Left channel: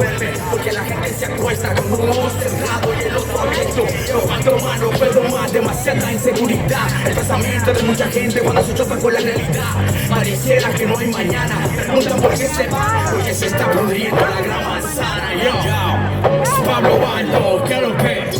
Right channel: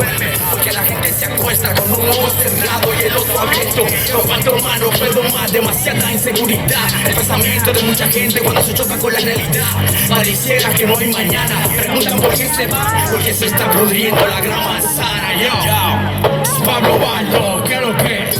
duerme, porque la gente se acuesta con un ojo cerrado y el otro abierto. No cuanto más, no puedo más, demasiada inseguridad. El pensamiento de mucha gente cuando se choca con la realidad. Pareciera que no hay mañana, preguntan por qué se va, porque se está pudriendo la gran manzana. Yo, Pablo Baldo, ¿qué es lo que?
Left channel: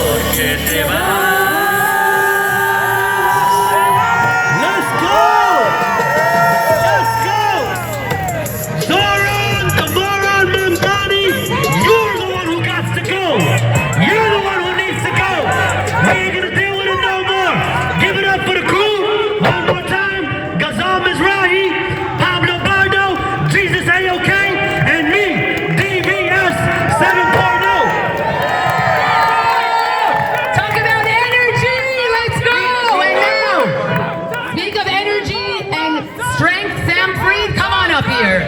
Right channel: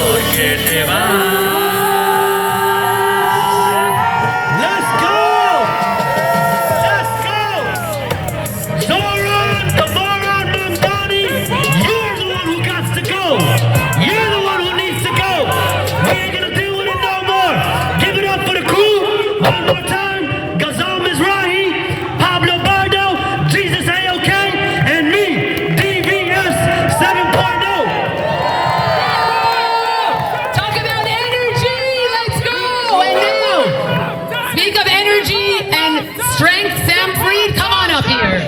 Porque te vas. Let's go! Let's go! Zoran, Zoran, Mandani, you're the one who got to go. You're the one who needs to go. We ain't gonna deal with it no more. Give it up for the crew. One more time. Gazam Mizrahi, Pablo Bardo, Jesus A-OK, and me, DVS 7.0. Strength, Sam Freed, come on up here.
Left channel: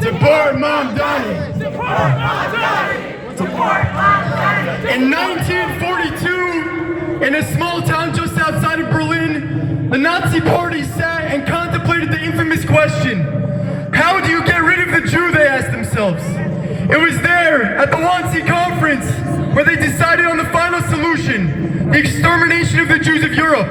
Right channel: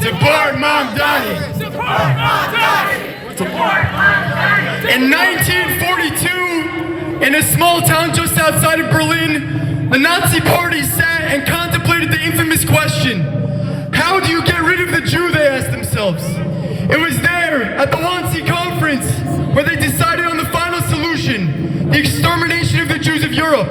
Support Mandani. In 1942, in a small town just outside of Berlin, the Nazi party sat and contemplated the infamous question, how do you get rid of the Jew, they asked themselves. It was there, at the Wannsee Conference, where they decided on the final solution, the extermination of the Jews of Europe.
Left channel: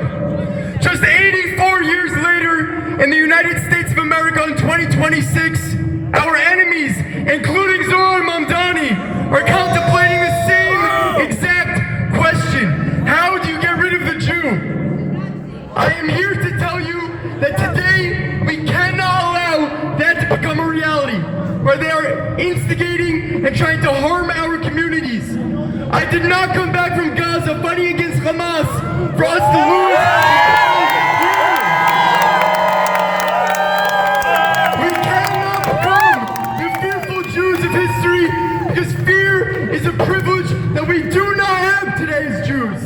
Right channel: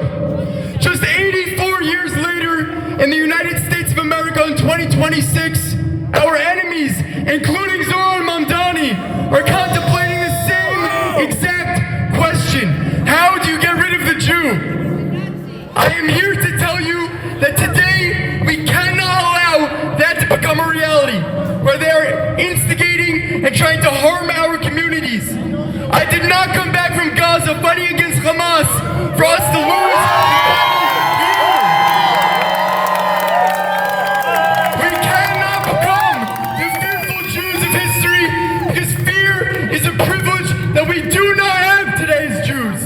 Just 84 years later, in the United States of America in 2026, our enemies, including Zoran Mandani, are contemplating the same exact question. How do you get rid of the Jew? I am here to tell you that today we cannot allow that to become a reality, where they are instigating and trying to harm our communities. I did not come back from Gaza fighting against Hamas for us to lose. We cannot become the fearful Jews of history, because fear is a privilege that we do not have today as Jews.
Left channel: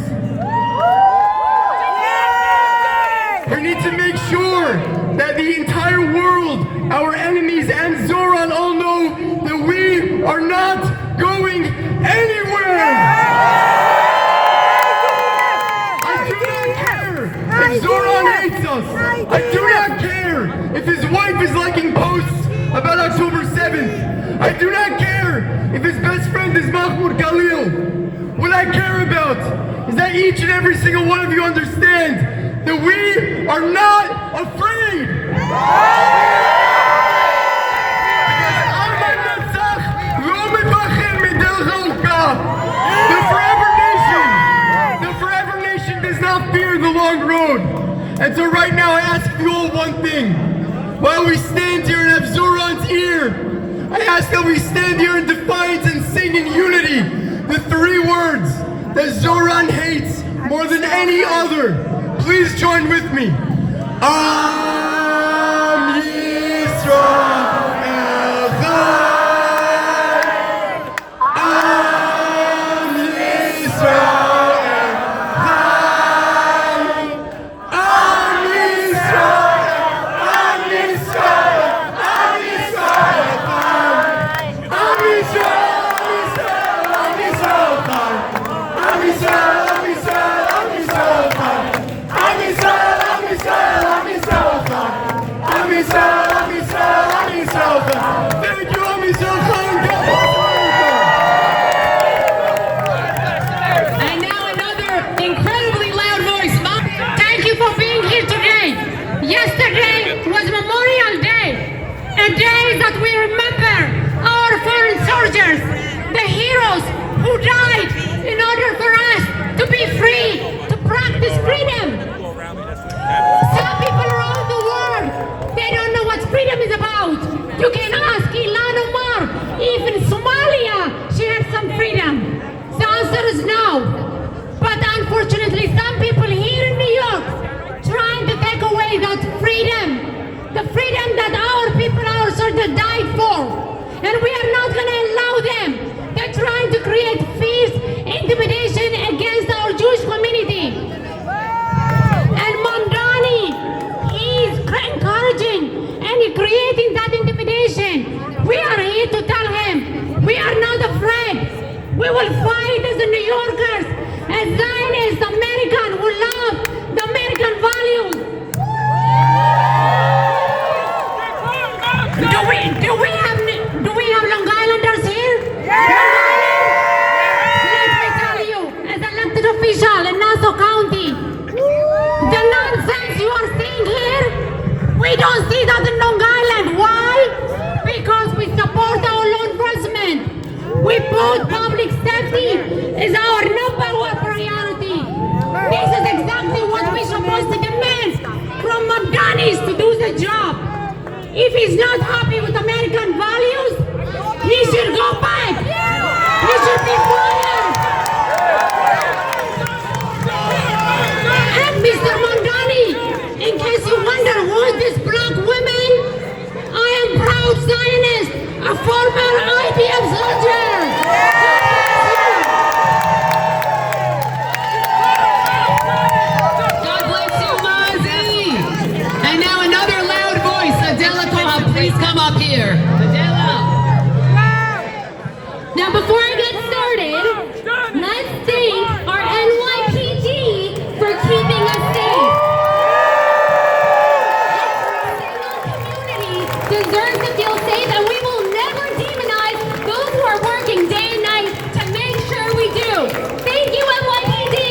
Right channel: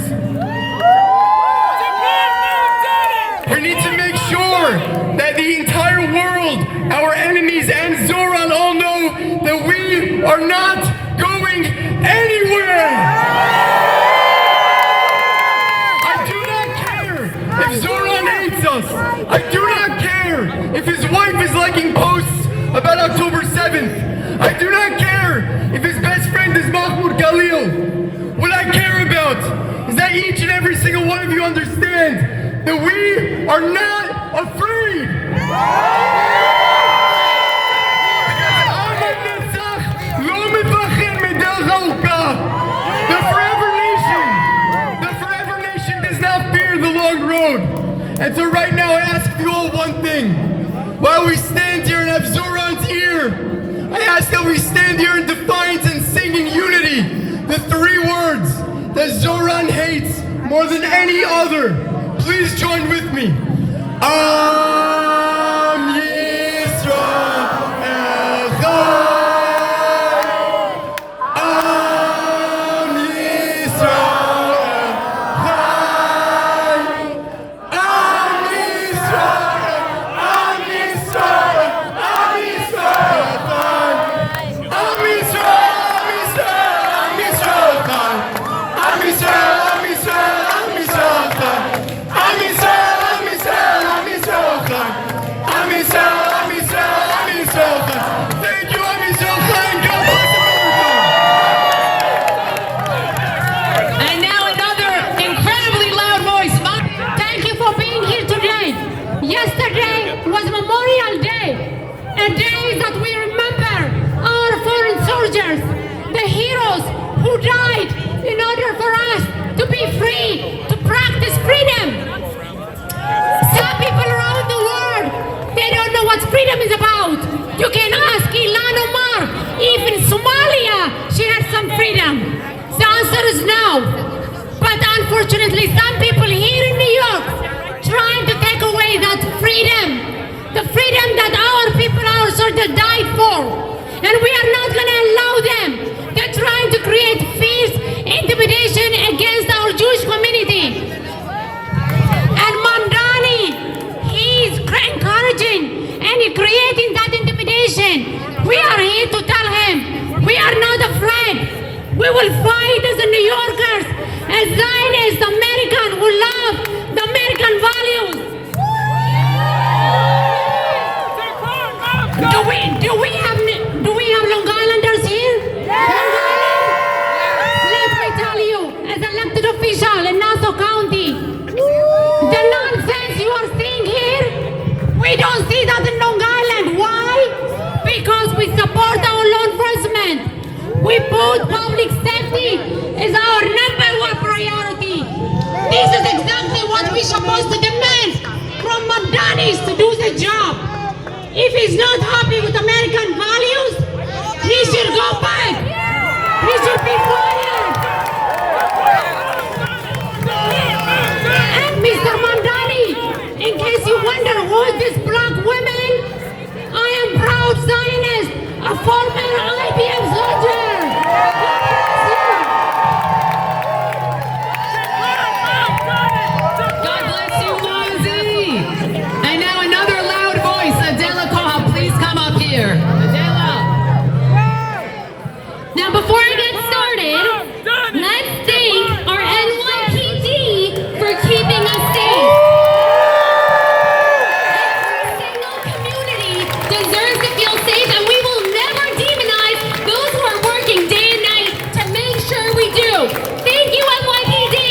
We need to make sure that the entire world, our enemies and Zoran all know that we are not going anywhere. I do not care if Zoran hates us. I do not care if his wife is liking posts about October 7th. I do not care if his best friend is Mahmoud Khalil. What I care about is that each and every single one of you understand that we are not afraid. The forever nation does not fear the long road. And so right now I ask you all one thing. While we stand here and have Zoran's ear, I ask that we stand here in defiance and sing in unity the three words that Zoran hates more than any other. Please join with me. Am Yisrael. I'm Israel. We will fight as the New Yorkers, as Zionists, American who love the American values. Do we have Long Islanders here? Let me tell you, as an elected official in Nassau County, the nonsense you are seeing here, we don't see that in Long Island. Why? Because we support our law enforcement. We put public safety as our number one priority. This is exactly what we're supposed to demand from Mandani to do the job. If he's not happy with American values, he should go back. He should be fired. And Mr. Mandani, in case you wonder who is this black woman, I am proud Zionist, a former IDF soldier. God bless you, Mozzie. And now another loud voice, Adela Koha, please come up here. Adela. Now, before I get started, let's thank our NYPD for keeping us safe. Every single community deserves to feel safe, and we will never demonize those who are working day and night to make sure we do. Thank you, NYPD.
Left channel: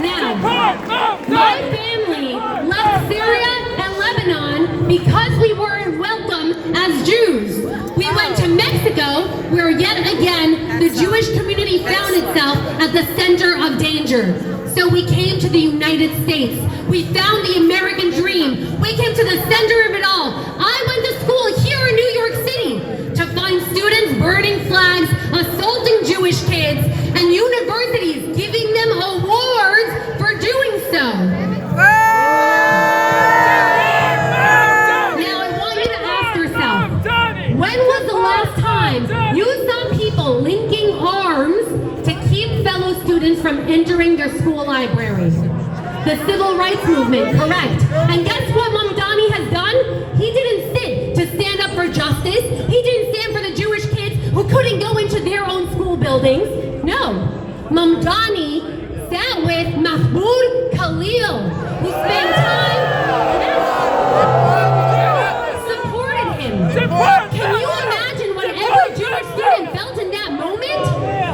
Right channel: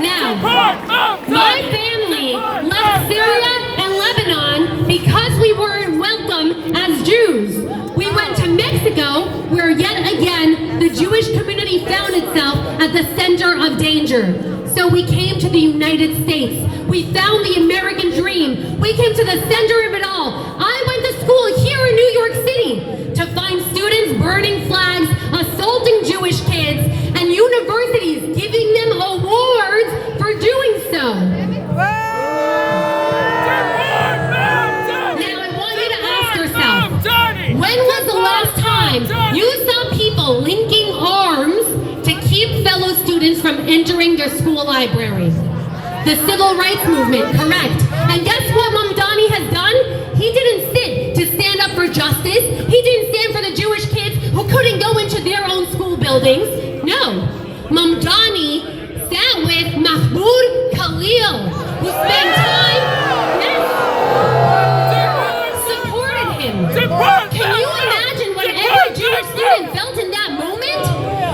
Now, my family left Syria and Lebanon because we weren't welcome as Jews. We went to Mexico, where yet again the Jewish community found itself at the center of danger. So we came to the United States. We found the American dream. We came to the center of it all. I went to school here in New York City to find students burning flags, assaulting Jewish kids, and universities giving them awards for doing so. Now I want you to ask yourself, when was the last time you saw people linking arms to keep fellow students from entering their school library? The civil rights movement, correct. And guess what Mandani has done? He didn't sit to stand up for justice. He didn't stand for the Jewish kids who couldn't go into their own school buildings. No. Mandani sat with Mahmoud Khalil, who spent time and supported him. Can you imagine what every Jewish student felt in that moment?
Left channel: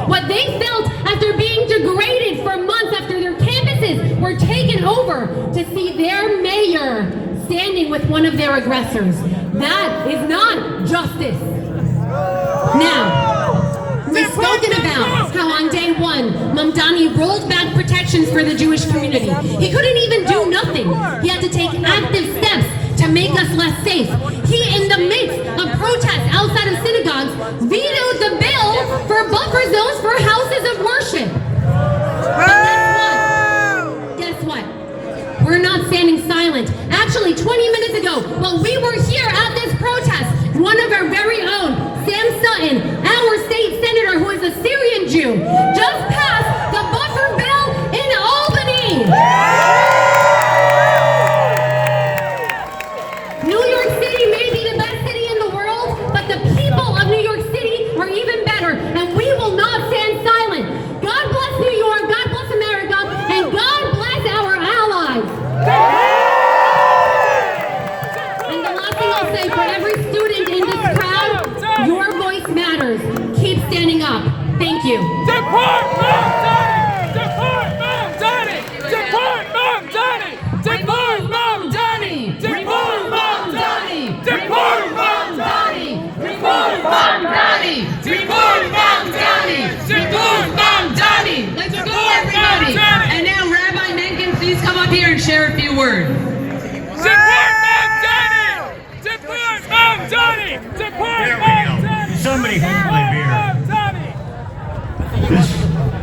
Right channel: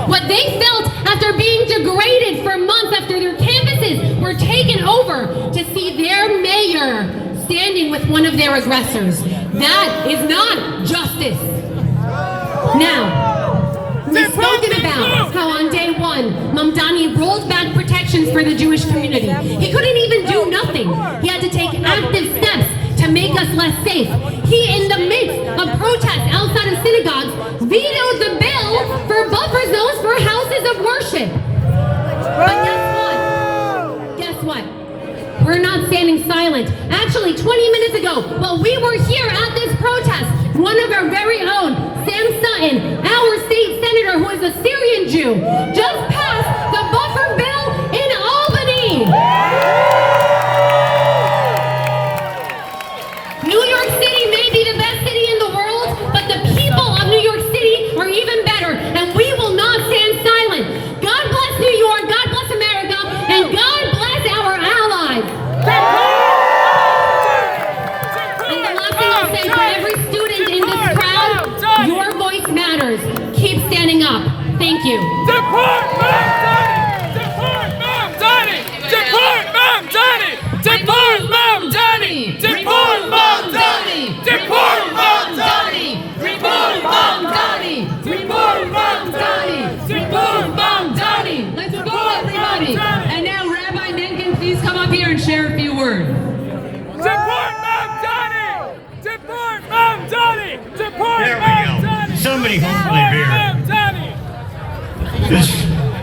What they felt after being degraded for months, after their campuses were taken over, to see their mayor standing with one of their aggressors. That is not justice. Now, we've spoken about how on day one, Mandani rolled back protections for the Jewish community. He couldn't even do nothing. He had to take active steps to make us less safe. He, in the midst of protests outside of synagogues, vetoed the bill for buffer zones for houses of worship. But guess what? We're not standing silent. Actually, 20 minutes ago, while we were here at this protest, one of our very own, Sam Sutton, our state senator who is a Syrian Jew, just passed the buffer bill in Albany. New York City may be the best city in the world, but the people of New York City are even better, and we will not stand silent. God bless New York, God bless America, and God bless our allies. And the last thing I'll say for every student in this crowd, your voice matters. Keep standing up. Thank you. Deport Mandani! Deport Mandani! Deport Mandani! Deport Mandani! Deport Mandani! Deport Mandani! Deport Mandani! Deport Mandani! Deport Mandani! Let's go, everybody. And now Rabbi Menken, please come up here and share a few words. Deport Mandani! Deport Mandani! Deport There we go. Mandani! Somebody hold my beer.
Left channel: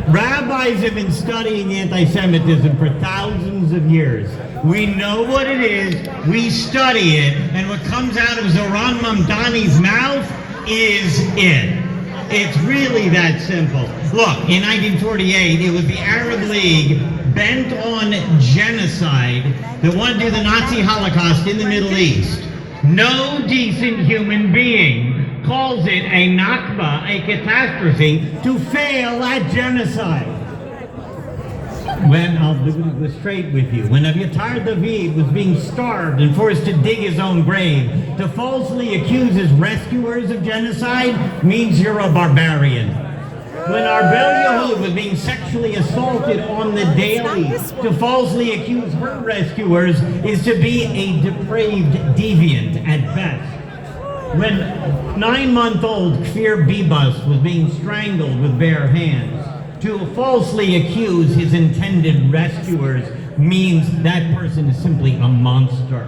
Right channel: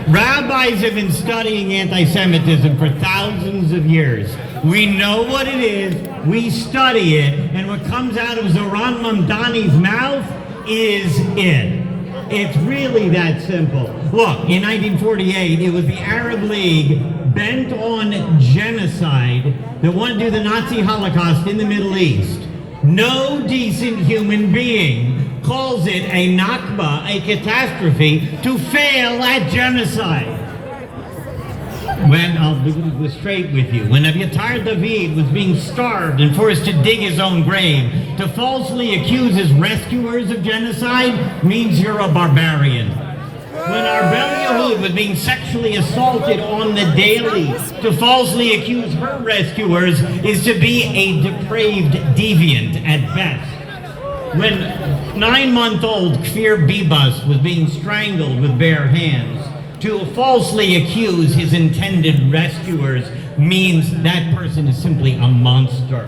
Rabbis have been studying anti-Semitism for thousands of years. We know what it is, we study it, and what comes out of Zoran Mamdani's mouth is it. It's really that simple. Look, in 1948, it was the Arab League bent on genocide that wanted to do the Nazi Holocaust in the Middle East. No decent human being calls it a Nakba, a catastrophe, to fail at genocide. When, I'll be straight with you, when Abiyatar David was being starved and forced to dig his own grave, to falsely accuse his rescuers of genocide means you're a barbarian. When Arbel Yahud was being sexually assaulted on the daily, to falsely accuse her rescuers is to be a depraved deviant at best. When 9-month-old Kfir Bibas was being strangled with bare hands, to falsely accuse his intended rescuers means that person is simply a monster.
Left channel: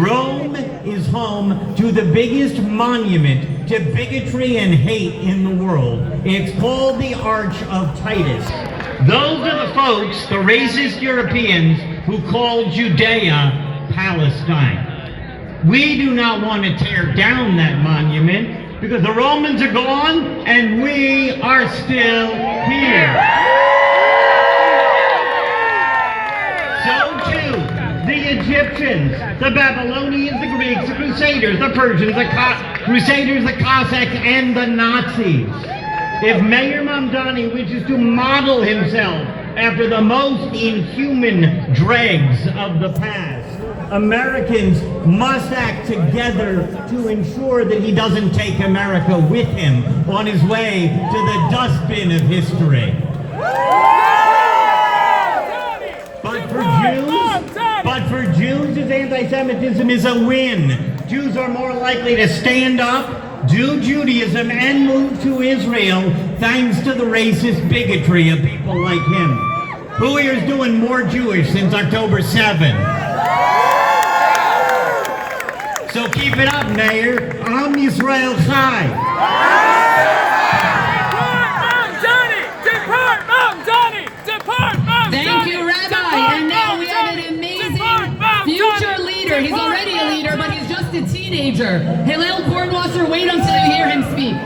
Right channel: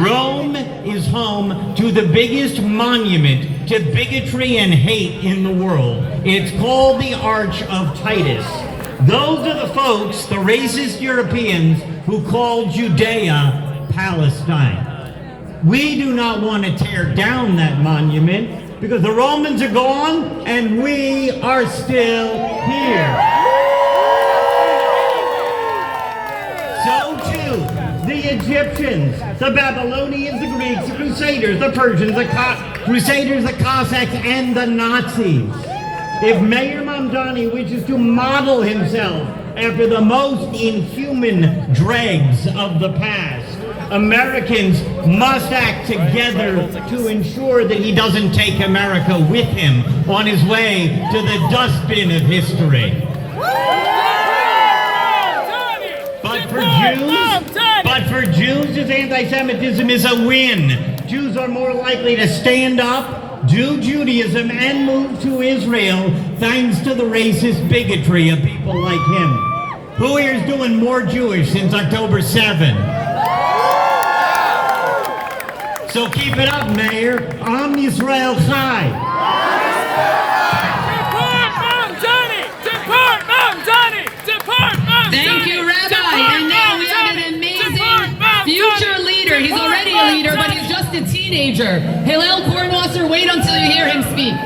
Rome is home to the biggest monument to bigotry and hate in the world. It's called the Arch of Titus. Those are the folks, the racist Europeans, who call Judea Palestine. We do not want to tear down that monument, because the Romans are gone and we are still here. So too, the Egyptians, the Babylonians, the Greeks, the Crusaders, the Persians, the Crusaders, the Cossacks, and the Nazis. If Mayor Mandani wishes to model himself after the most inhuman dregs of the past, Americans must act together to ensure that he doesn't take America with him on his way to the dustbin of history. But for Jews, his anti-Semitism is a win. Jews are more likely to stand up, do Judaism, and move to Israel thanks to the racist bigotry of people like him. Who here is doing more Jewish since October 7th? So keep it up, Mayor. Am Yisrael Chai. Deport Mandani! Deport Mandani! Thank you, Rabbi. And now we have an amazing future leader. He's already a leader, but he's just a teenager. Hillel Kornwasser, wait until you hear him speak.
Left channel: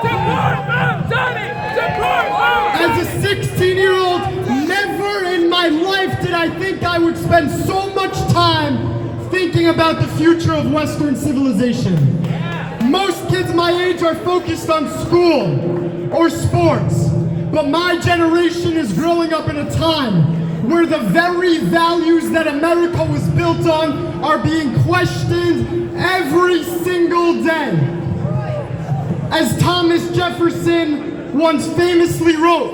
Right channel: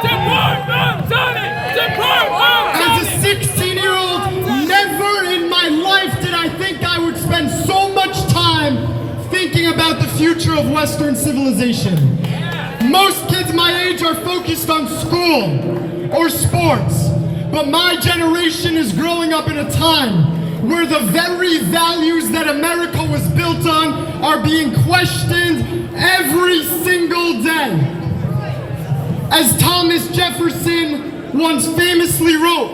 Deport Mandani! Deport Mandani! As a 16-year-old, never in my life did I think I would spend so much time thinking about the future of Western civilization. Most kids my age are focused on school or sports, but my generation is growing up in a time where the very values that America was built on are being questioned every single day. As Thomas Jefferson once famously wrote,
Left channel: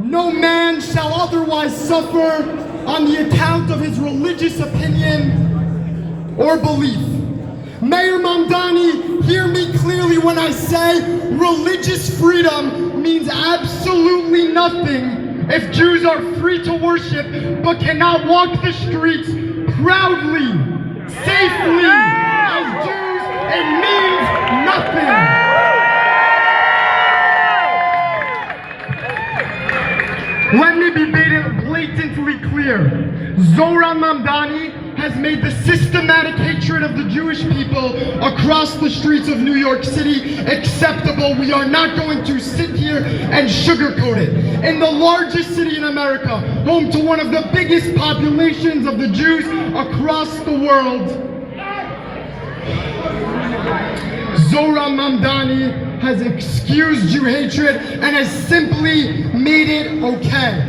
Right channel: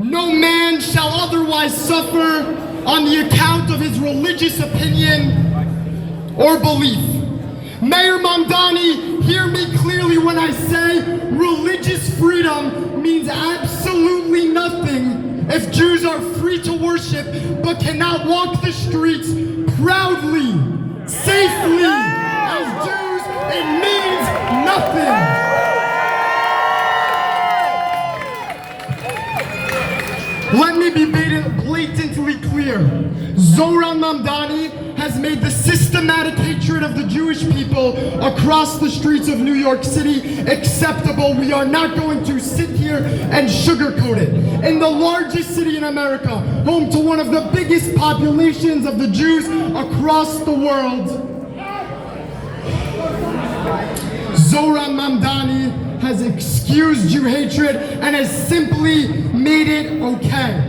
"No man shall otherwise suffer on the account of his religious opinion or belief." Mayor Mandani, hear me clearly when I say religious freedom means absolutely nothing if Jews are free to worship but cannot walk the streets proudly, safely as Jews. It means nothing. Let me be blatantly clear. Zoran Mamdani has made the systematic hatred of the Jewish people across the streets of New York City acceptable. We are not going to sit here and sugarcoat it. In the largest city in America, home to one of the biggest populations of the Jews across the world, Zoran Mamdani has excused Jew hatred and has simply made it okay.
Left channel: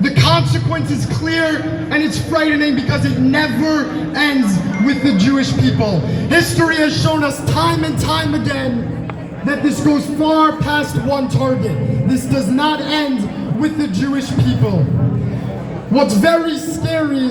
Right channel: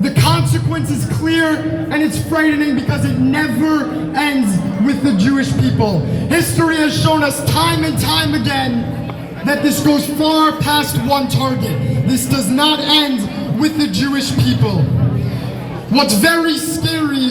The consequence is clear and it's frightening because it never ends with the Jewish people. History has shown us time and time again that this goes far past one target. This does not end with the Jewish people. What's very scary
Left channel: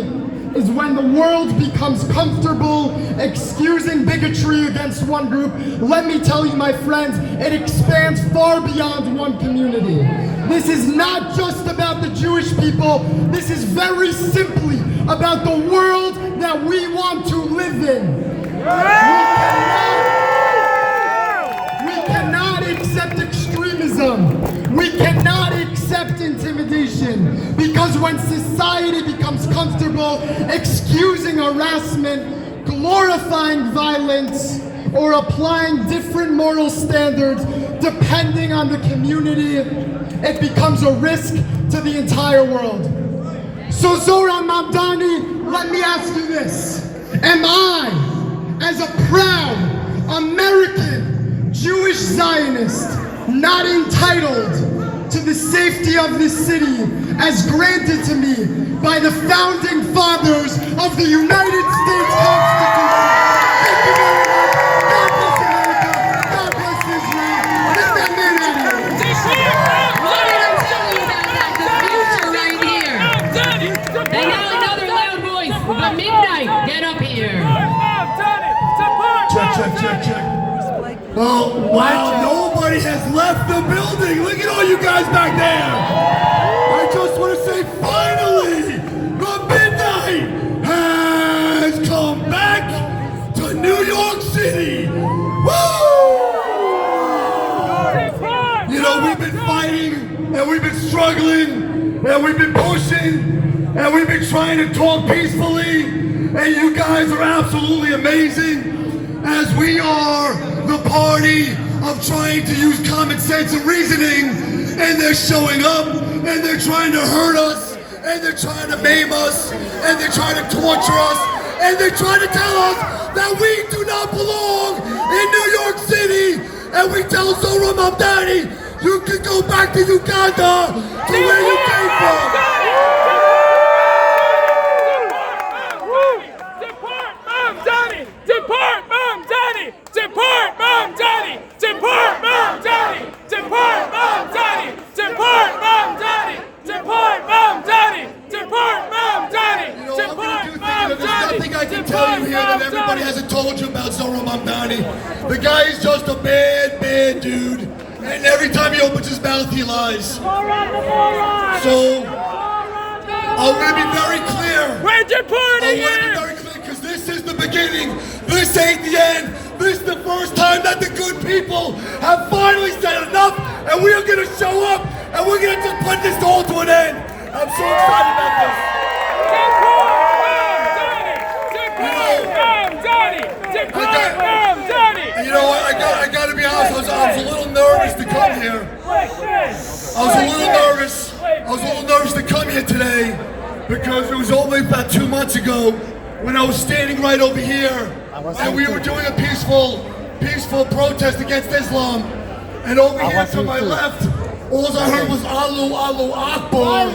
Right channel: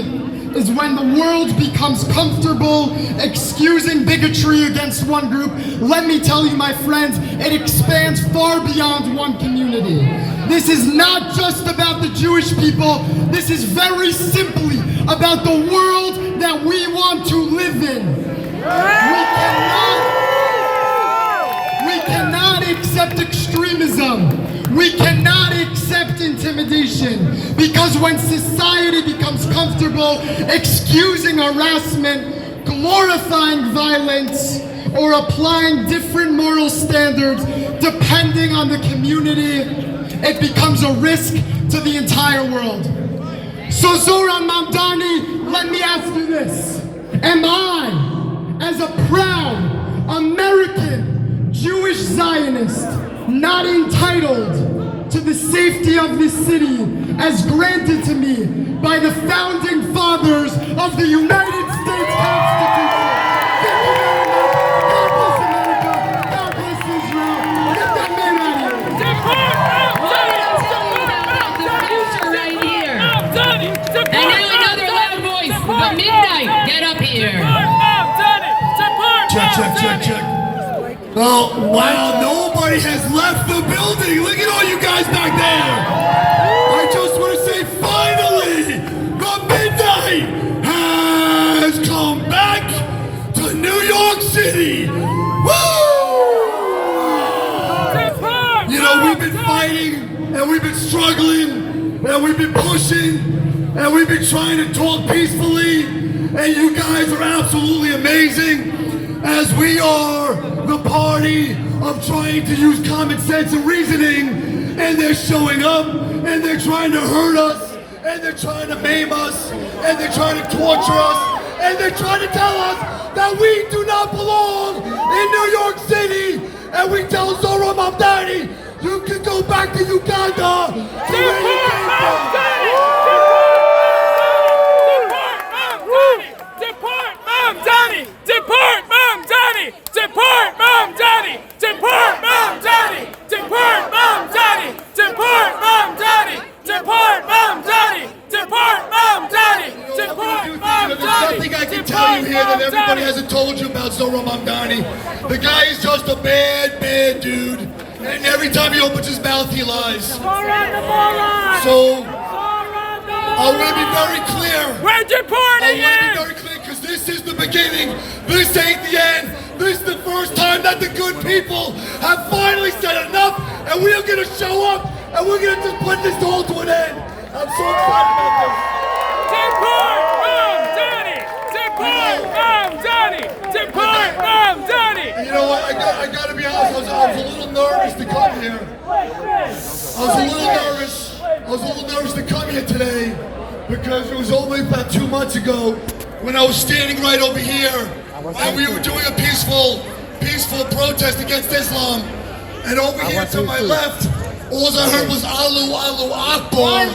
is when the world becomes comfortable excusing bigotry against one group. Let me tell you, my friends, it expands far beyond one community. This is not just about the Jewish people. This is very simply about the world that we want to live in. We cannot accept extremism. We cannot accept intimidation, because when society becomes comfortable excusing harassment, glorifying violence, or applying different moral standards depending on the community, it becomes a risk to the entire world. So Zoran Mandani, let me ask you this. Am I, as a proud American Jewish Zionist, not entitled to the safety of this city as granted to me by the founding fathers of the United States Constitution? Thank you very much. God bless America. God bless Israel. And that made it. What did I tell you about that? The future right here. And now another loud voice. The Midnight. Get up here. Check. Oh, wow, nobody has left the building. Look at all you guys back there. I just want to say, finally, the Midnight has come back to New York City. Woo! You know, we've been fighting, and we've been struggling, and we've been pushing, and we've been trying to talk peacefully, and you guys are absolutely amazing, as we are the party of trying to use common sense and reasoning, and they're showing up, and they're trying to hurt us, and they're trying to maim us, and they're trying to torture us, and they're trying to tell us that we do not belong in New York City, and we tell Zoran Mandani, you can go back to Uganda, to where you came from. There's nothing I can tell you here that everybody hasn't told you about Zoran Mandani. The guy is just a bad dude. And every time he opens his mouth, he lies. So, I want to be very clear. We're deporting I want to be very clear, because this is the beginning. This ain't the end. This is the first time that the good people have finally said enough, and we are going to show up, and we're going to just put this all to an end. I'm so excited about this. And you know what? I got to be honest. I was a little nervous to come here. I was a little nervous to come here today, because it was only about 2 months ago when I was standing right over here, and we were doing a peaceful protest against Islam. And over here to my left, all I heard was Allahu Akbar,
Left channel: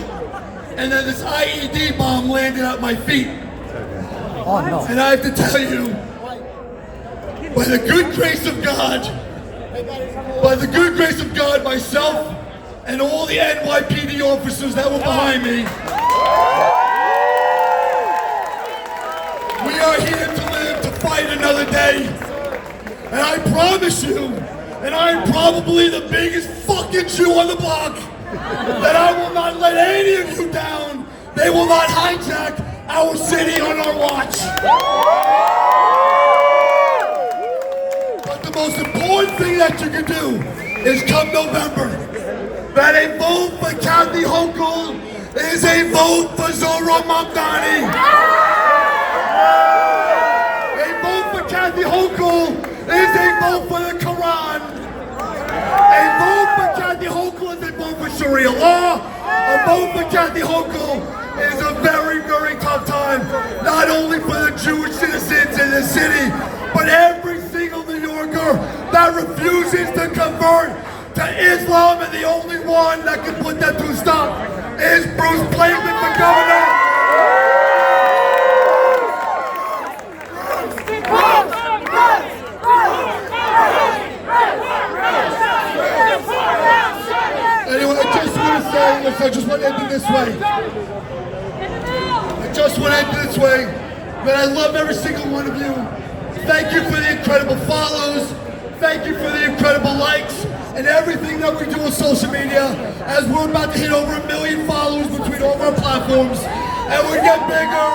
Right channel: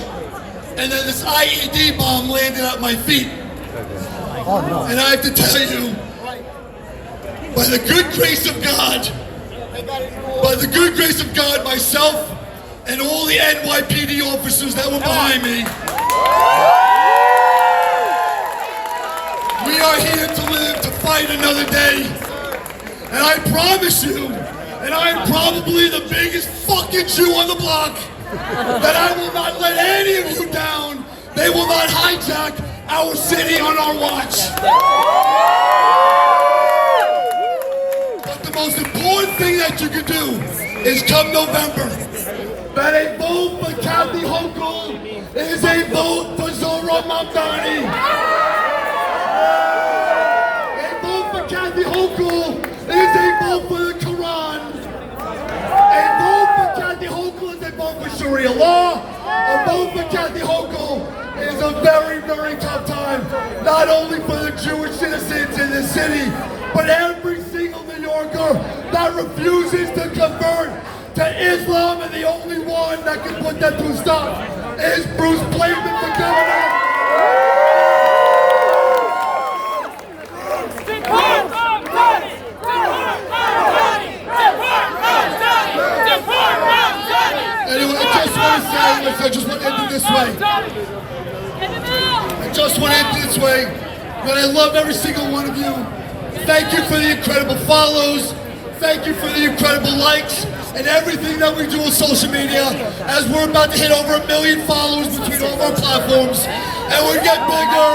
and then this IED bomb landed at my feet. Oh no. And I have to tell you, by the good grace of God, myself and all the NYPD officers that were behind me, we are here to live to fight another day. And I promise you, and I'm probably the biggest fucking Jew on the block, that I will not let any of you down. They will not hijack our city on our watch. But the most important thing that you can do is, come November, that a vote for Kathy Hochul is a vote for Zoran Mandani. A vote for Kathy Hochul is a vote for the Quran. A vote for Kathy Hochul is a vote for Sharia law. A vote for Kathy Hochul is a very, very tough time, not only for the Jewish citizens in the city, but every single New Yorker that refuses to convert to Islam, and the only one that can put that to a stop is Bruce Blakeman for governor. Anyway, I just want to say, listen, I just want to end it this way. That I love every single one of you. Thank you for the incredible follows. Thank you for the incredible likes and everything that we do with social media, as we're about to hit over 1 million followers between all of our platforms. And we're going to get bigger,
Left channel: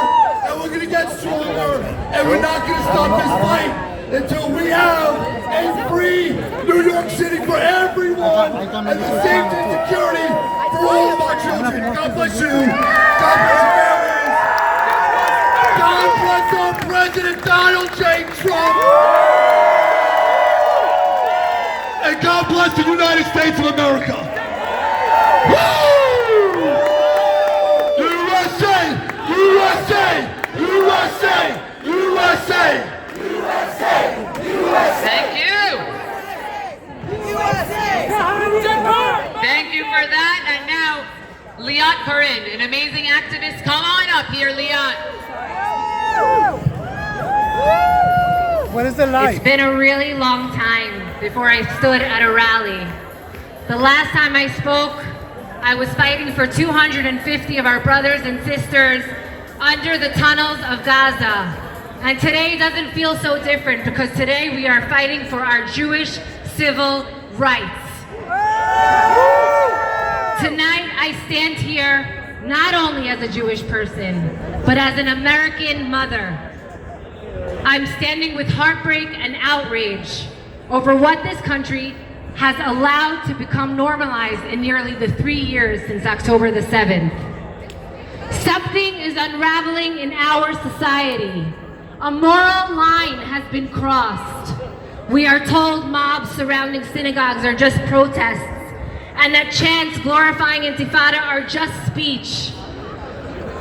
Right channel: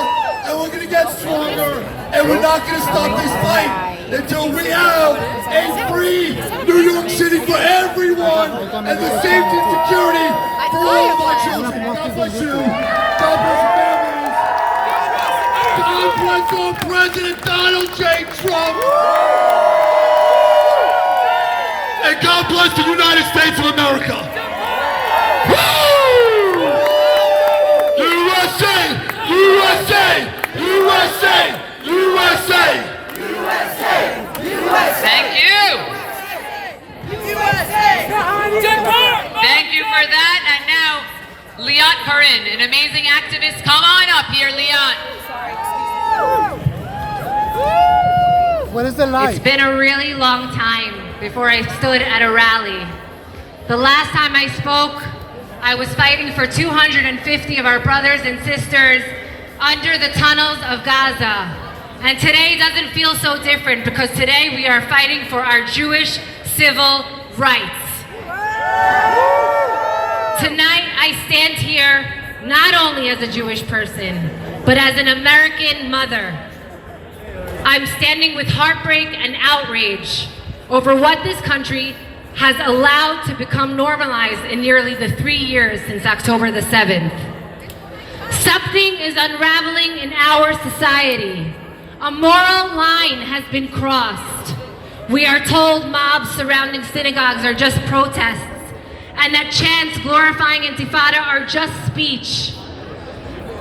and we're going to get stronger, and we're not going to stop this fight until we have a free New York City for everyone, and the safety and security for all of our children. God bless you. God bless your families. God bless our President Donald J. Trump. and God bless the United States of America. USA! USA! USA! USA! Thank you. Thank you for that. And now, Liat Karin, an amazing activist. Come on up here, Liat. What is the light? It's been a really long time before I stood at a rally. The last time I spoke, I was fighting for 250 of our brothers and sisters under the tunnels of Gaza. And today doesn't feel so different because today we are fighting for our Jewish civil rights. Tonight I stand here not only as a Jewish person, but as an American mother. I'm standing with heartbreak and outrage over what this country has allowed to become normalized in nearly the 3 years since October the 7th. Something is unraveling in our society. A moral line has been crossed. We are told mobs surrounding synagogues are just protests, and that chants glorifying Intifada are just speech.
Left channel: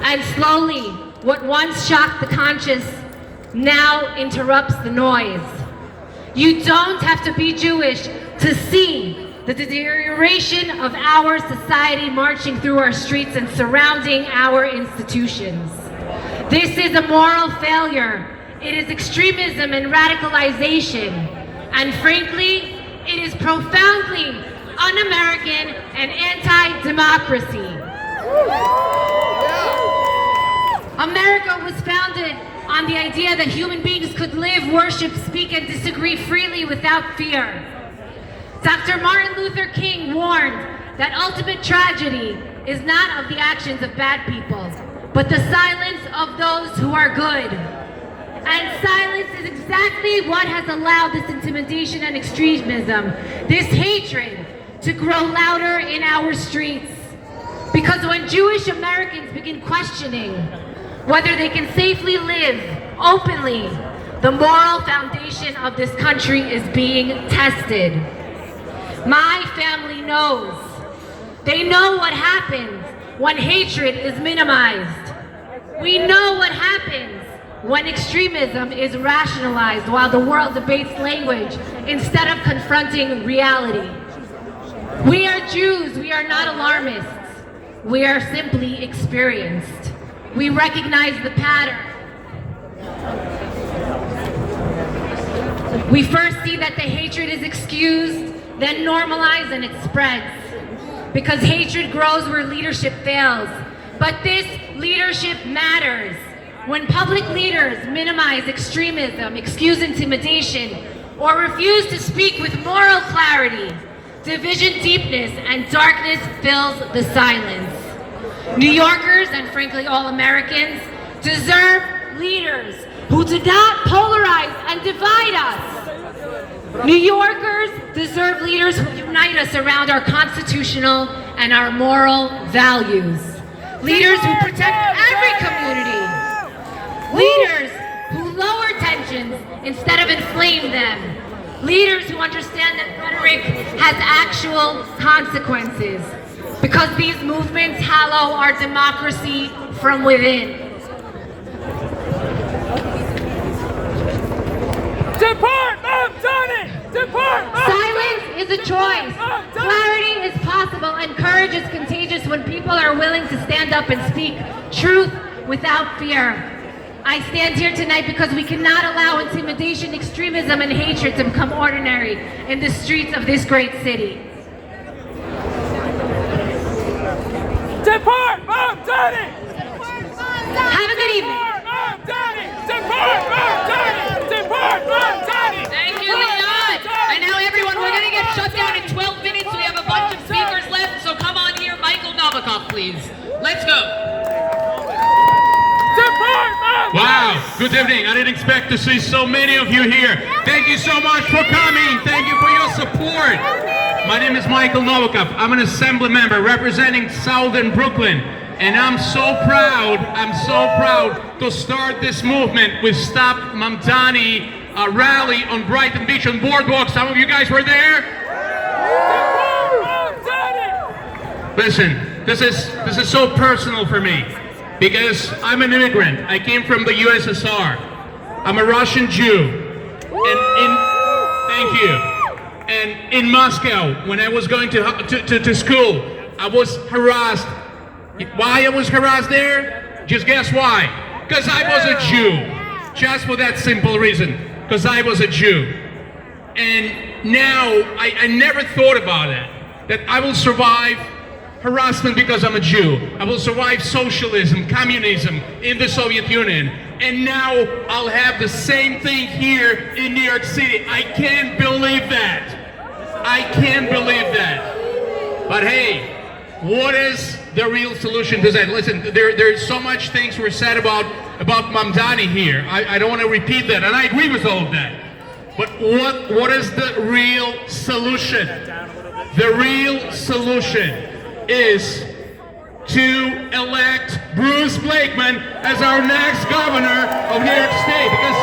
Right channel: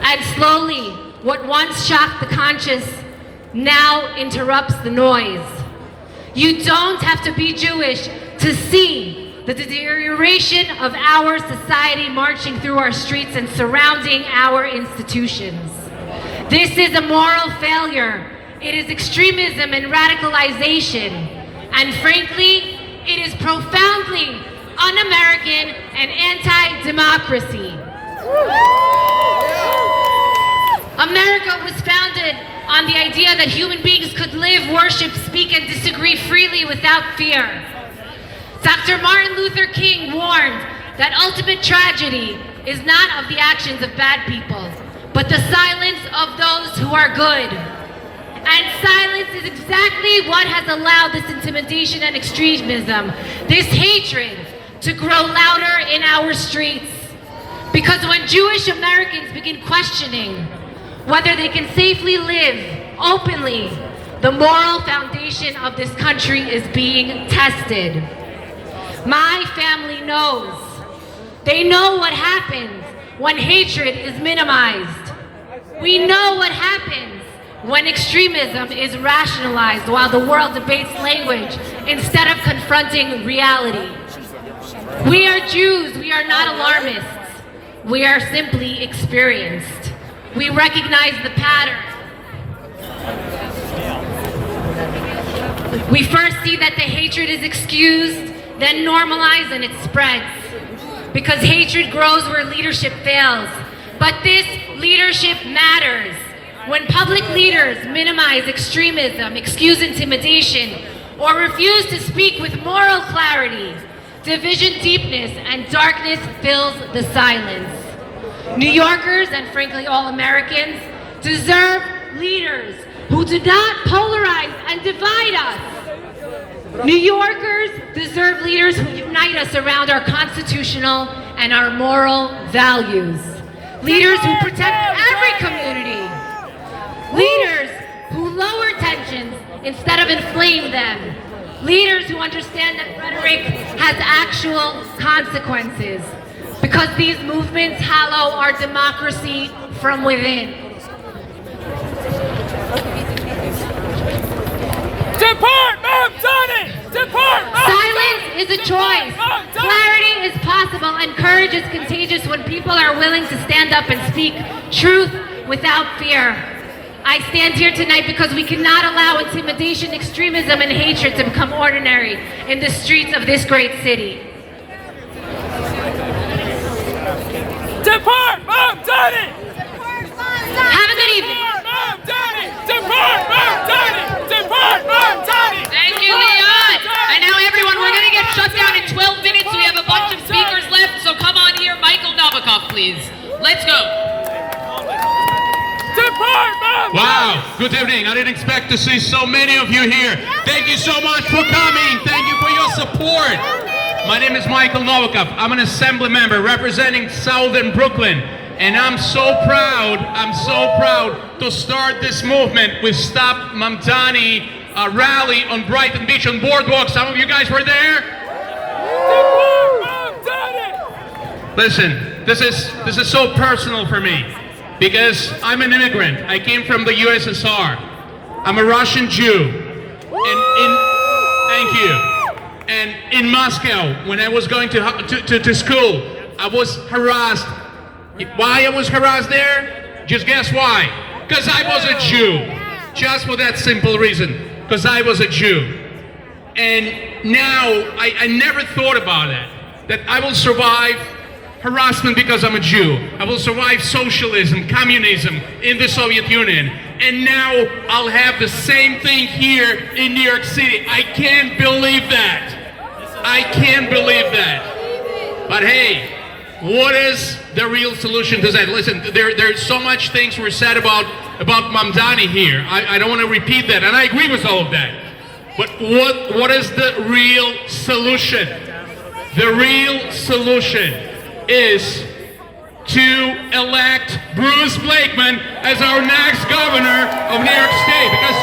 And slowly, what once shocked the conscious now interrupts the noise. You don't have to be Jewish to see the deterioration of our society marching through our streets and surrounding our institutions. This is a moral failure. It is extremism and radicalization. And frankly, it is profoundly un-American and anti-democracy. America was founded on the idea that human beings could live, worship, speak, and disagree freely without fear. Dr. Martin Luther King warned that ultimate tragedy is not of the actions of bad people, but the silence of those who are good. And silence is exactly what has allowed this intimidation and extremism, this hatred, to grow louder in our streets. Because when Jewish Americans begin questioning whether they can safely live openly, the moral foundation of this country is being tested. My family knows. They know what happens when hatred is minimized. We know what happens when extremism is rationalized while the world debates language instead of confronting reality. We are Jews, we are not alarmists. We are simply experienced. We recognize the pattern. We first see that the hatred is excused, then normalized, and it spreads. Because hatred grows where leadership fails. But this leadership matters. When public leaders minimize extremism, excuse intimidation, or refuse to speak with moral clarity, division deepness and darkness fills the silence. New Yorkers, and frankly all Americans, deserve leaders who do not polarize and divide us. New Yorkers deserve leaders who unite us around our constitutional and our moral values. Leaders who protect every community. Leaders who lower tensions instead of inflame them. Leaders who understand that rhetoric has actual consequences. Because these movements hallow our democracy from within. Depart Mandani! Depart Mandani! Silence is a choice. Clarity is possible, and courage is contagious when people are willing to stand up and speak truth without fear. I stand here tonight because we cannot allow intimidation, extremism, and hatred to become ordinary in the streets of this great city. Depart Mandani! Have a good evening. Depart Mandani! Depart Mandani! Thank you, Leon. And now everyone, we're going to get shut down in 12 minutes. We have a bunch of speakers left, so come on here. Michael Novikov, please. Let's go. Depart Mandani! Wow, good evening. I didn't expect to see so many of you here. Thank you so much for coming. Thank you for your support. My name is Michael Novikov. I'm an assembly member representing Southern Brooklyn. And I'm so proud to start this movement with Stop Mandani rally on Brighton Beach on Boardwalk. Some of you guys were there? Listen, this is so personal for me because I'm an immigrant. I came from the USSR. I'm a Russian Jew. Thank you. And in Moscow, when I was going to school, I was harassed. Why I was harassed there? Just guess why? Because I was a Jew. Just for that simple reason. Because I was a Jew. And now, I never thought about it. That I will survive harassment because I'm a Jew. I will survive socialism, communism in the Soviet Union. And now I'll have the same thing here in New York City. I can't believe that. I can't believe that. But hey, what is the real solution to that? Listen, there's so much things were said about Mandani here. I don't want to repeat that, and I agree with all of that. But what is the real solution? The real solution is to elect Bruce Blakeman as our next governor of New York State, because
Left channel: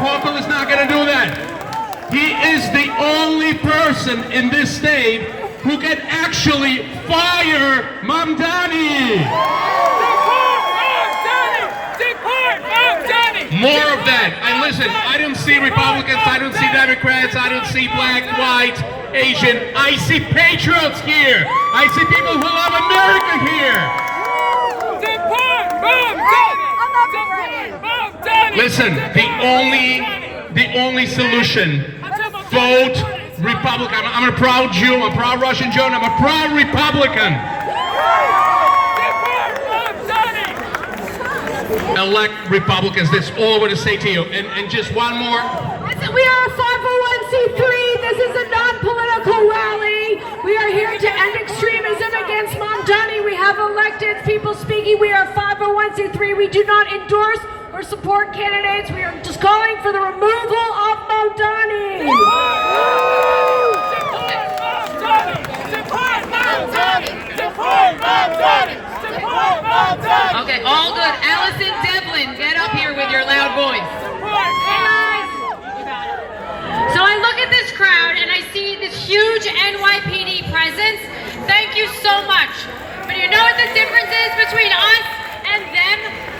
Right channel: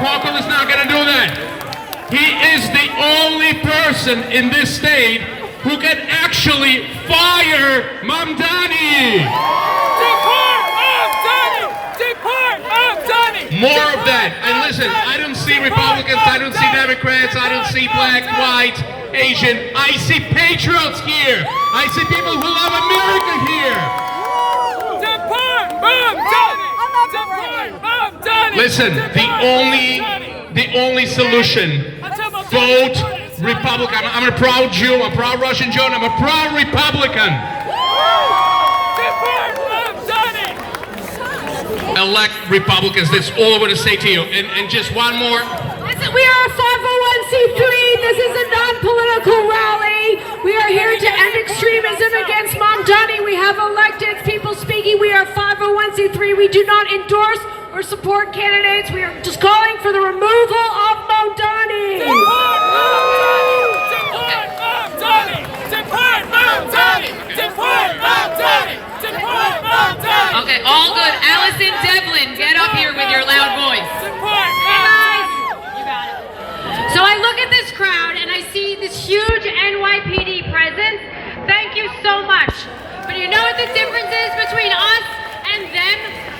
Hochul is not going to do that. He is the only person in this state who can actually fire Mandani. More of that. And listen, I don't see Republicans, I don't see Democrats, I don't see black, white, Asian. I see patriots here. I see people who love America here. Listen, the only solution, vote Republican. I'm a proud Jew, I'm a proud Russian Jew, and I'm a proud Republican. Elect Republicans, that's all I want to say to you. And just one more. Listen, we are a 501c3. This is a non-political rally. We are here to end extremism against Mandani. We have elected people speaking. We are 501c3. We do not endorse or support candidates. We are just calling for the removal of Mandani. Okay, all good. Allison Devlin, get up here with your loud voice. Hey guys. So I look at this crowd and I see this huge NYPD presence. Thank you so much. But you know what the difference is between us and them?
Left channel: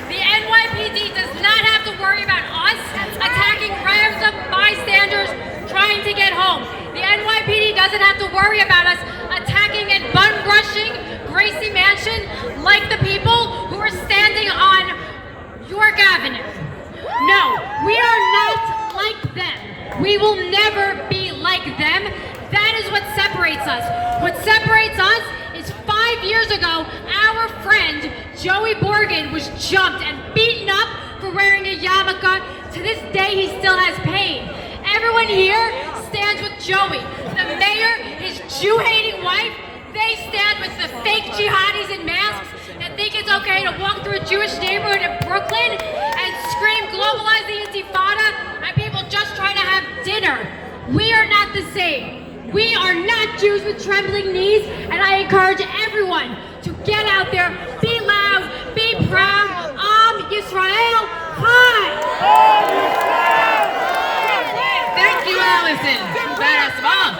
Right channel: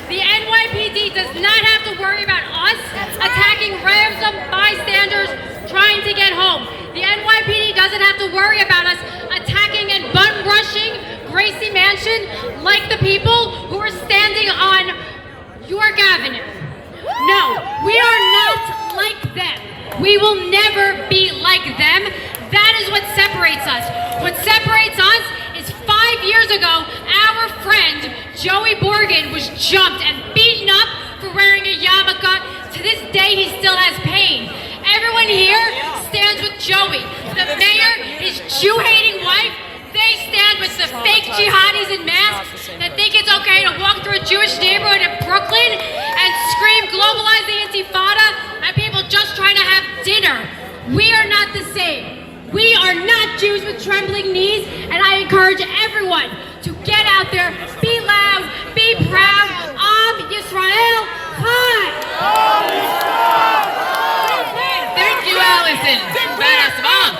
The NYPD does not have to worry about us attacking random bystanders trying to get home. The NYPD doesn't have to worry about us attacking and bum rushing Gracie Mansion like the people who are standing on York Avenue. No, we are not like them. We will never be like them. That is what separates us. What separates us is 5 years ago, our friend Joey Borgen was jumped and beaten up for wearing a yarmulke. To this day, he still has pain. Everyone here stands with Joey. The mayor, his Jew-hating wife, they stand with the fake jihadis in masks that think it's okay to walk through a Jewish neighborhood in Brooklyn and scream globalize the intifada at people just trying to have dinner. We are not the same. We are not Jews with trembling knees, and I encourage everyone to get out there, be loud, be proud. Am Yisrael Chai. Thank you, Allison. Badass mom.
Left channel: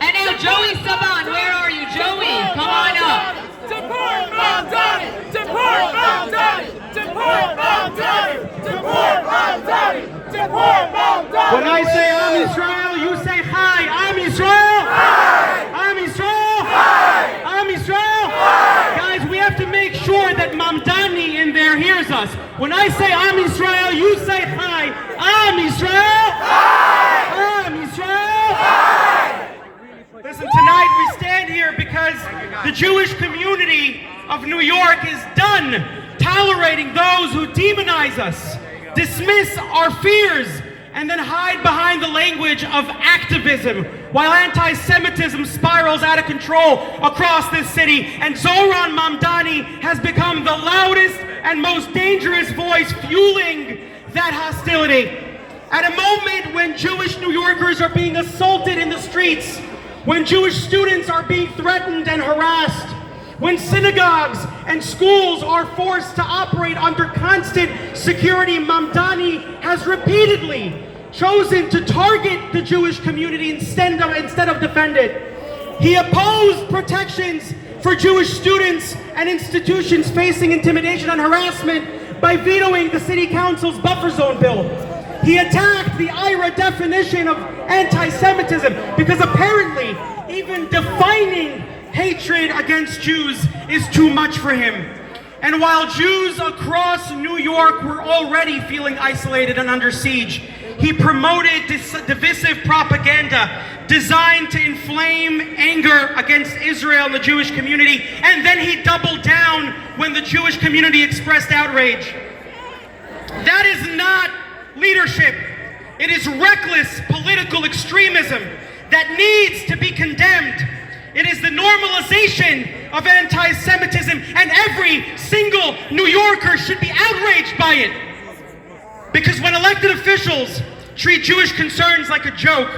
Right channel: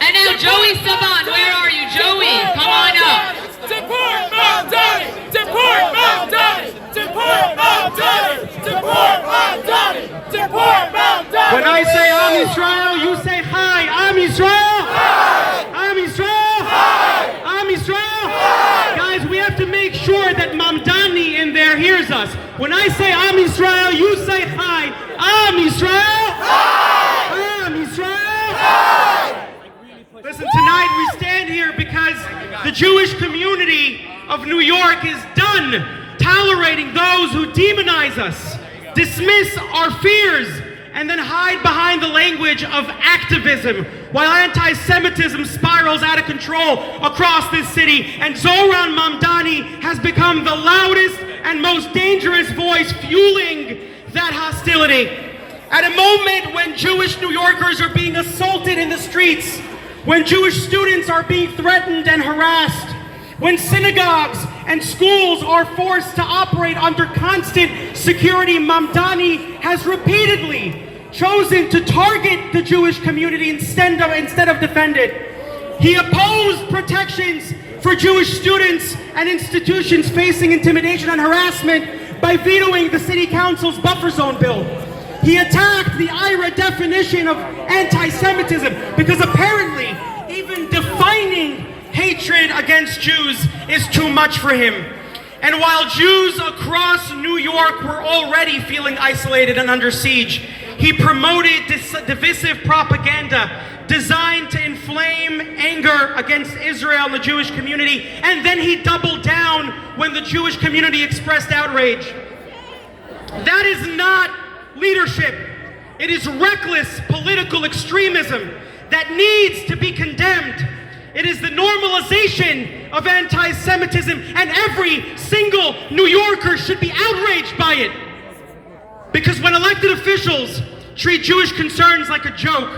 And now Joey Saban, where are you, Joey? Come on up. Deport Mandani! Deport Mandani! Deport Mandani! Deport Mandani! Deport Mandani! When I say Am Yisrael, you say Hi. Am Yisrael. Hi. Am Yisrael. Hi. Am Yisrael. Hi. Guys, we have to make sure that Mandani in there hears us. When I say Am Yisrael, you say Hi. Am Yisrael. Hi. Am Yisrael. Hi. Listen, tonight we stand here because the Jewish community of New York is done tolerating those who demonize us, dismiss our fears, and then hide behind the language of activism while anti-Semitism spirals out of control across this city. And Zohran Mamdani has become the loudest and most dangerous voice fueling that hostility. At a moment when Jewish New Yorkers are being assaulted in the streets, when Jewish students are being threatened and harassed, when synagogues and schools are forced to operate under constant security, Mamdani has repeatedly chosen to target the Jewish community instead of defend it. He opposed protections for Jewish students and institutions facing intimidation and harassment by vetoing the City Council's buffer zone bill. He attacked the IRA definition of anti-Semitism because apparently even defining hatred against Jews is too much for him. And while Jews across New York were already feeling isolated and under siege, he promoted divisive propaganda designed to inflame anger against Israel and the Jewish community, and then he doubled down when the Jewish community expressed outrage. That is not leadership. It is reckless political extremism that needs to be condemned. It is the normalization of anti-Semitism, and every single New Yorker should be outraged by it. Because when elected officials treat Jewish concerns like a joke,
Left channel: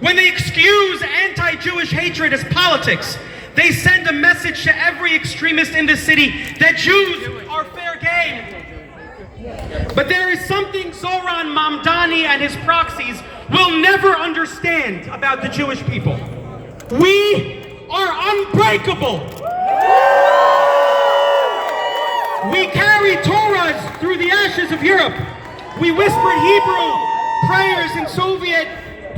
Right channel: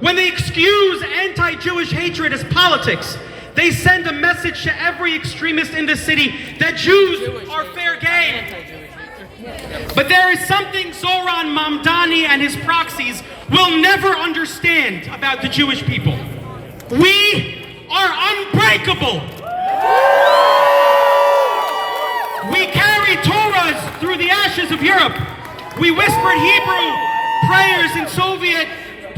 when they excuse anti-Jewish hatred as politics, they send a message to every extremist in the city that Jews are fair game. But there is something Zoran Mandani and his proxies will never understand about the Jewish people. We are unbreakable. We carry Torahs through the ashes of Europe. We whispered Hebrew prayers in Soviet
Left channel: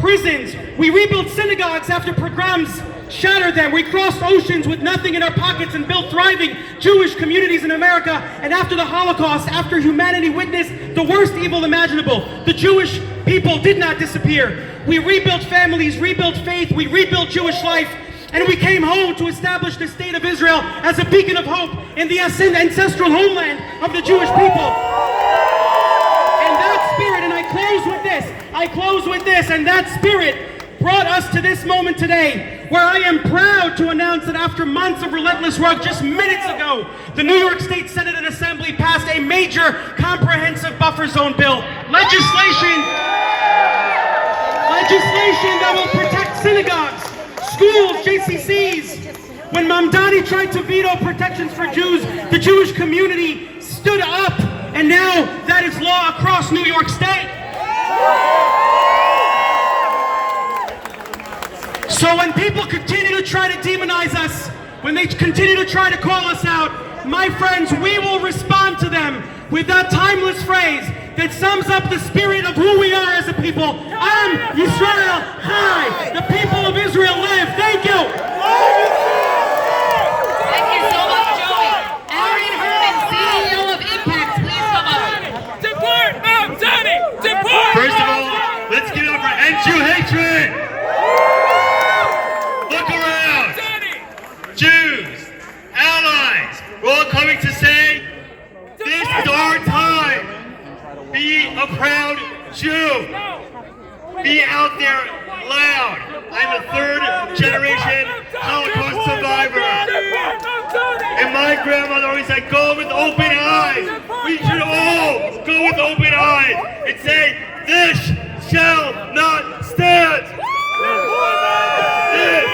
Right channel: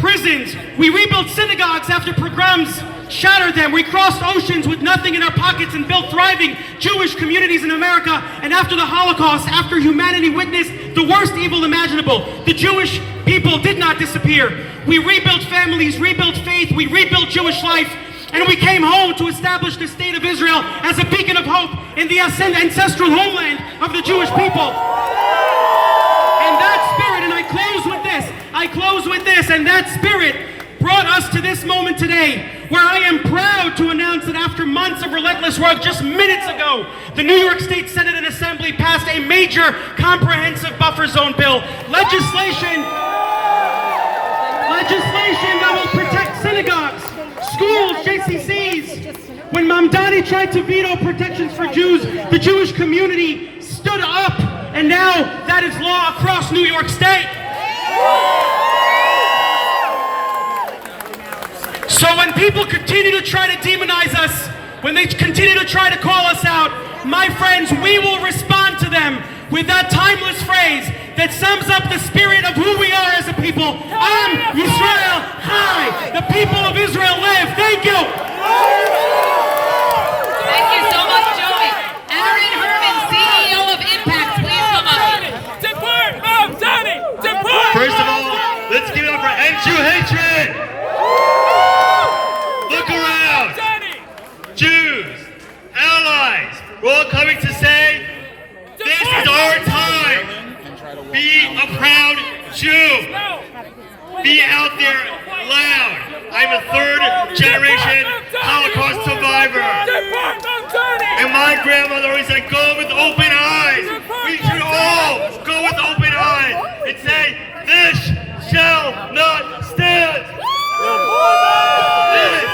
prisons. We rebuilt synagogues after pogroms shattered them. We crossed oceans with nothing in our pockets and built thriving Jewish communities in America. And after the Holocaust, after humanity witnessed the worst evil imaginable, the Jewish people did not disappear. We rebuilt families, rebuilt faith, we rebuilt Jewish life, and we came home to establish the state of Israel as a beacon of hope in the ancestral homeland of the Jewish people. And that spirit, and I close with this, and that spirit brought us to this moment today, where I am proud to announce that after months of relentless work, just minutes ago, the New York State Senate and Assembly passed a major comprehensive buffer zone bill, legislation that will protect synagogues, schools, JCCs. When Mandani tried to veto protections for Jews, the Jewish community stood up, and now that is law across New York State. So when people continue to try to demonize us, when they continue to try to call us out, my friends, we will respond to them with that timeless phrase that sums up the spirit of who we are as a people. Am Yisrael Chai. The people of Israel live. Thank you. Thank you so much, Joey. Aaron Herman, CEO of Impact, please come up. Deport Mandani! Deport! First of all, let's give it up for End-Jew hatred! Look around! Jews, allies, we're all coming to say, this is our time! Be a proud Jew! Be out there loud! I'm a third-generation Holocaust survivor! And my grandmother always said, go with open eyes! We should all go with open eyes and say, this shall not stand! This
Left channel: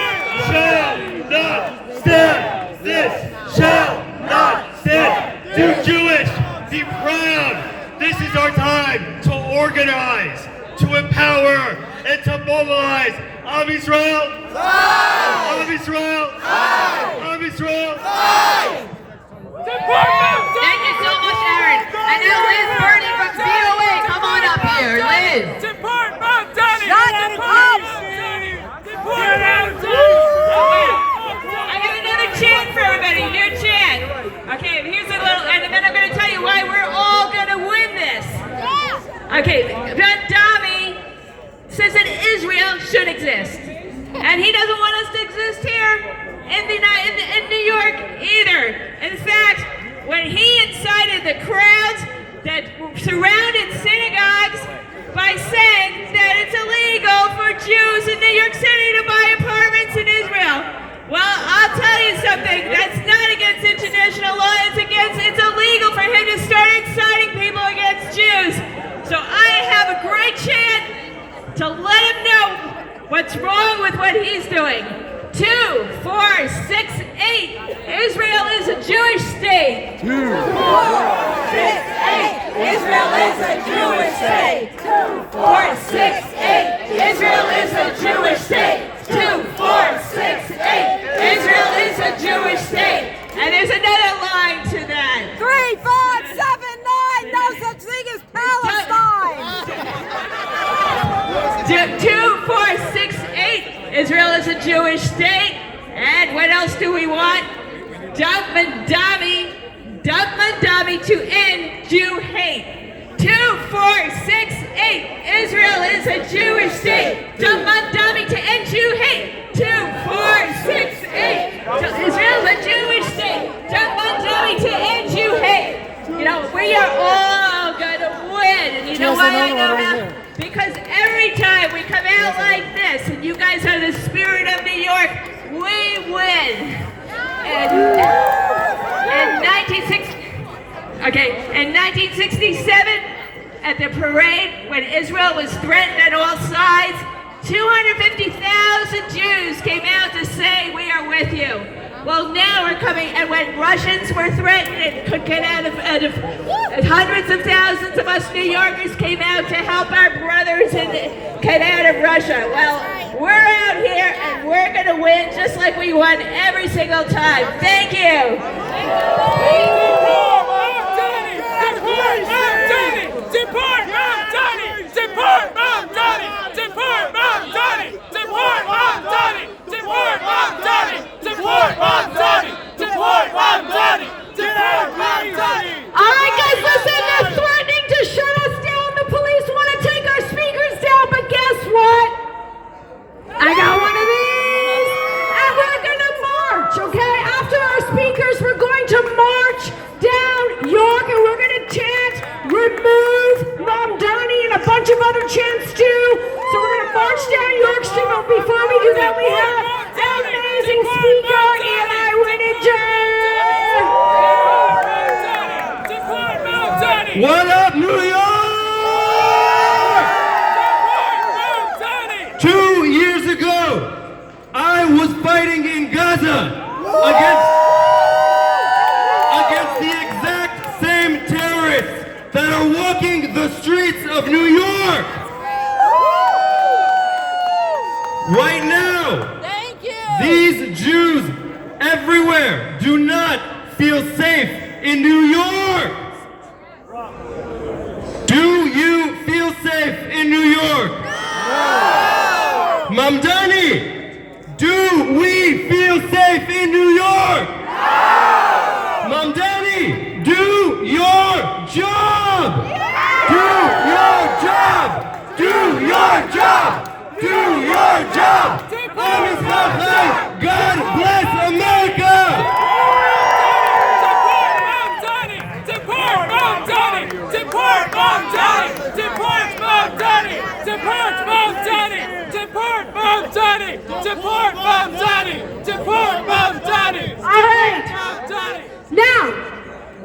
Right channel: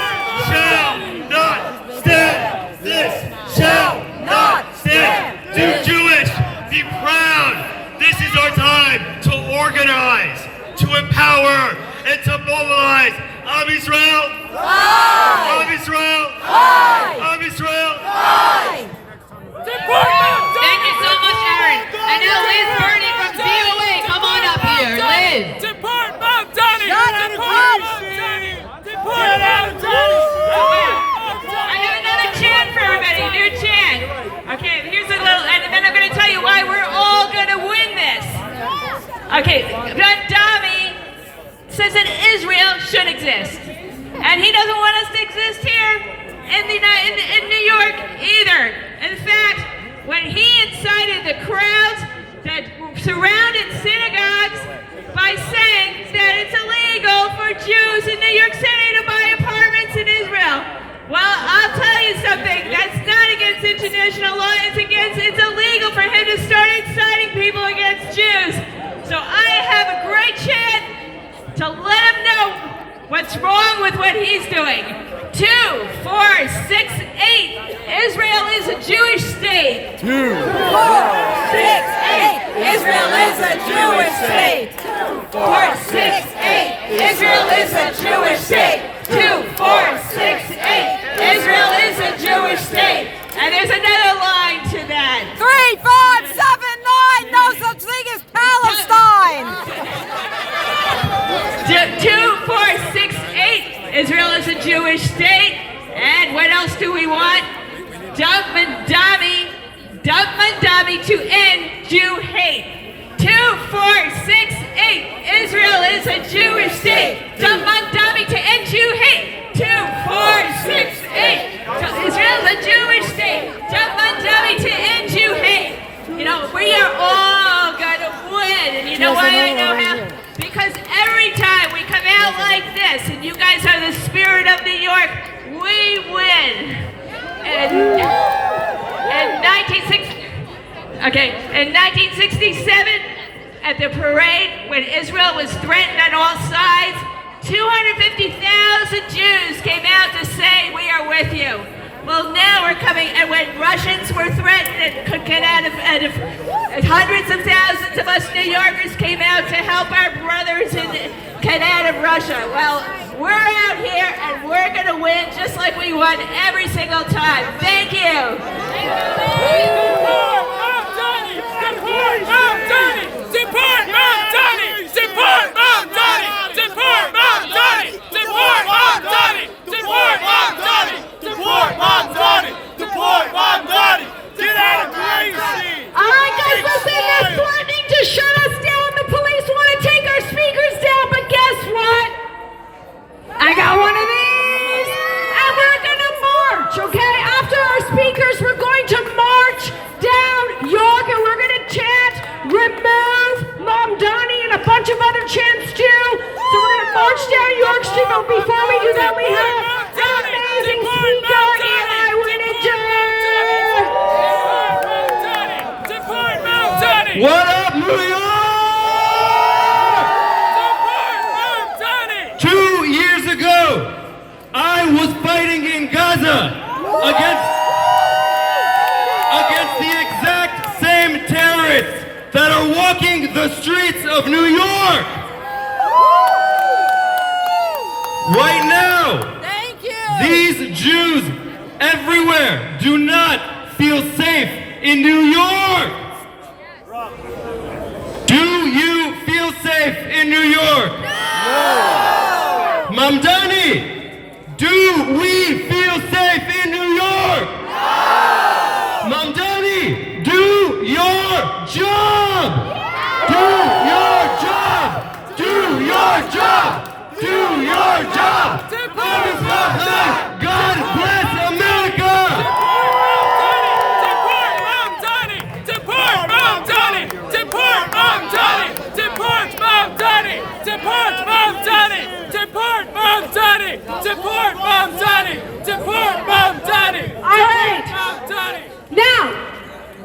shall not stand! This shall not stand! Do Jewish! Be proud! This is our time to organize, to empower, and to mobilize. Am Yisrael! Am Yisrael! Am Yisrael! Thank you so much, Aaron. And now Liz Burney from VOA, come on up here. Liz. Deport Mandani! Get out of house! Deport Mandani! I have another chant for everybody. New chant. Okay, here's a little, and then I'm going to tell you why we're all going to win this. Okay, Mandani says that Israel should exist, and he doesn't want us to exist here in New York either. In fact, when he incited the crowds that surrounded synagogues by saying that it's illegal for Jews in New York City to buy apartments in Israel. Well, I'll tell you something, that's not against international law, it's illegal for him to start inciting people against Jews. So I have a great chant to let him know what's wrong with what he's doing. 2, 4, 6, 8. Israel is a Jewish state. 2, 4, 6, 8. Israel is a Jewish state. 2, 4, 6, 8. Israel is a Jewish state. 2, 4, 6, 8. Israel is a Jewish state. And what else do we want? Mandani to end Jew hate. 2468. Israel is a Jewish state. Mandani to end Jew hate. 2468. Israel is a Jewish state. Mandani to end Jew hate. You know, we are all gonna win. And you know why I know that? Because every time we come out like this, and you guys are the spirit of New York, we win. In 1967, at the parade, when Israel was threatened on all sides, 250,000 Jews came out to say, we are with you. Well, now we're coming, and when Russians were threatened and could get out of hundreds of thousands of us New Yorkers came out to help our brothers and get out of Russia. Well, we're out here, and we're going to win just like we won every single time. Thank you. Deport Mandani! Deport Mandani! Deport Mandani! Deport Mandani! Deport Mandani! Deport Mandani! Deport Mandani! Get out of Gracie! All right, guys, listen, they're threatening to shut us down. The police want to take our speakers down, but guess what? I got one of these, and we're going to march, okay? After our speakers, we're going to march down York, and we're going to chant, remove Mandani, and a bunch of other chants too. So we're going to march down York Street, but before we do that, we have an amazing speaker, Eli Winninger. What up, New York? 2 years ago, I was fighting in Gaza against the exact same terrorists that are walking the streets of New York. Right now, these Jews everywhere do not feel safe in New York. Do you feel safe in New York? No! Mandani, do we feel safe in New York? No! Mandani, do your job! Do your job! Do your job! Do your job! God bless America! Deport Mandani! Deport Mandani! Deport Mandani! Deport Mandani! Deport Mandani! Deport Mandani! Deport Mandani! All right. Now,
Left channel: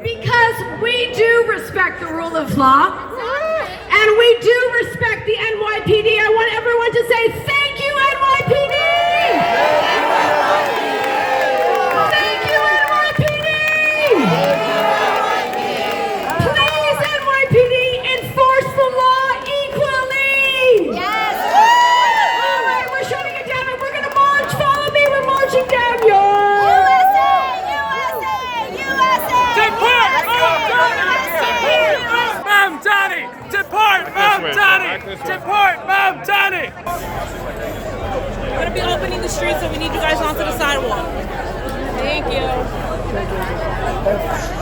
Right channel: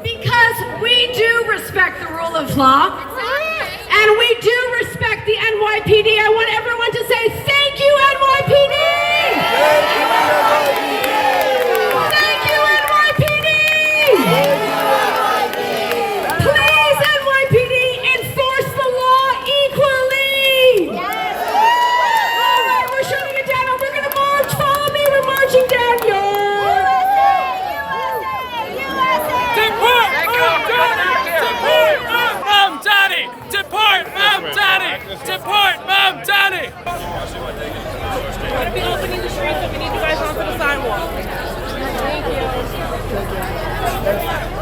because we do respect the rule of law, and we do respect the NYPD, I want everyone to say, thank you, NYPD! Thank you, NYPD! Please, NYPD, enforce the law equally! All right, we're shutting it down, and we're going to march. Follow me, we're marching down, y'all! Mandani! Deport Mandani! Deport Mandani! We're going to be opening the streets, so we need you guys onto the sidewalk. Thank you.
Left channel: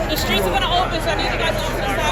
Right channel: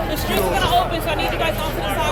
The streets are going to open, so I need you guys onto the sidewalk.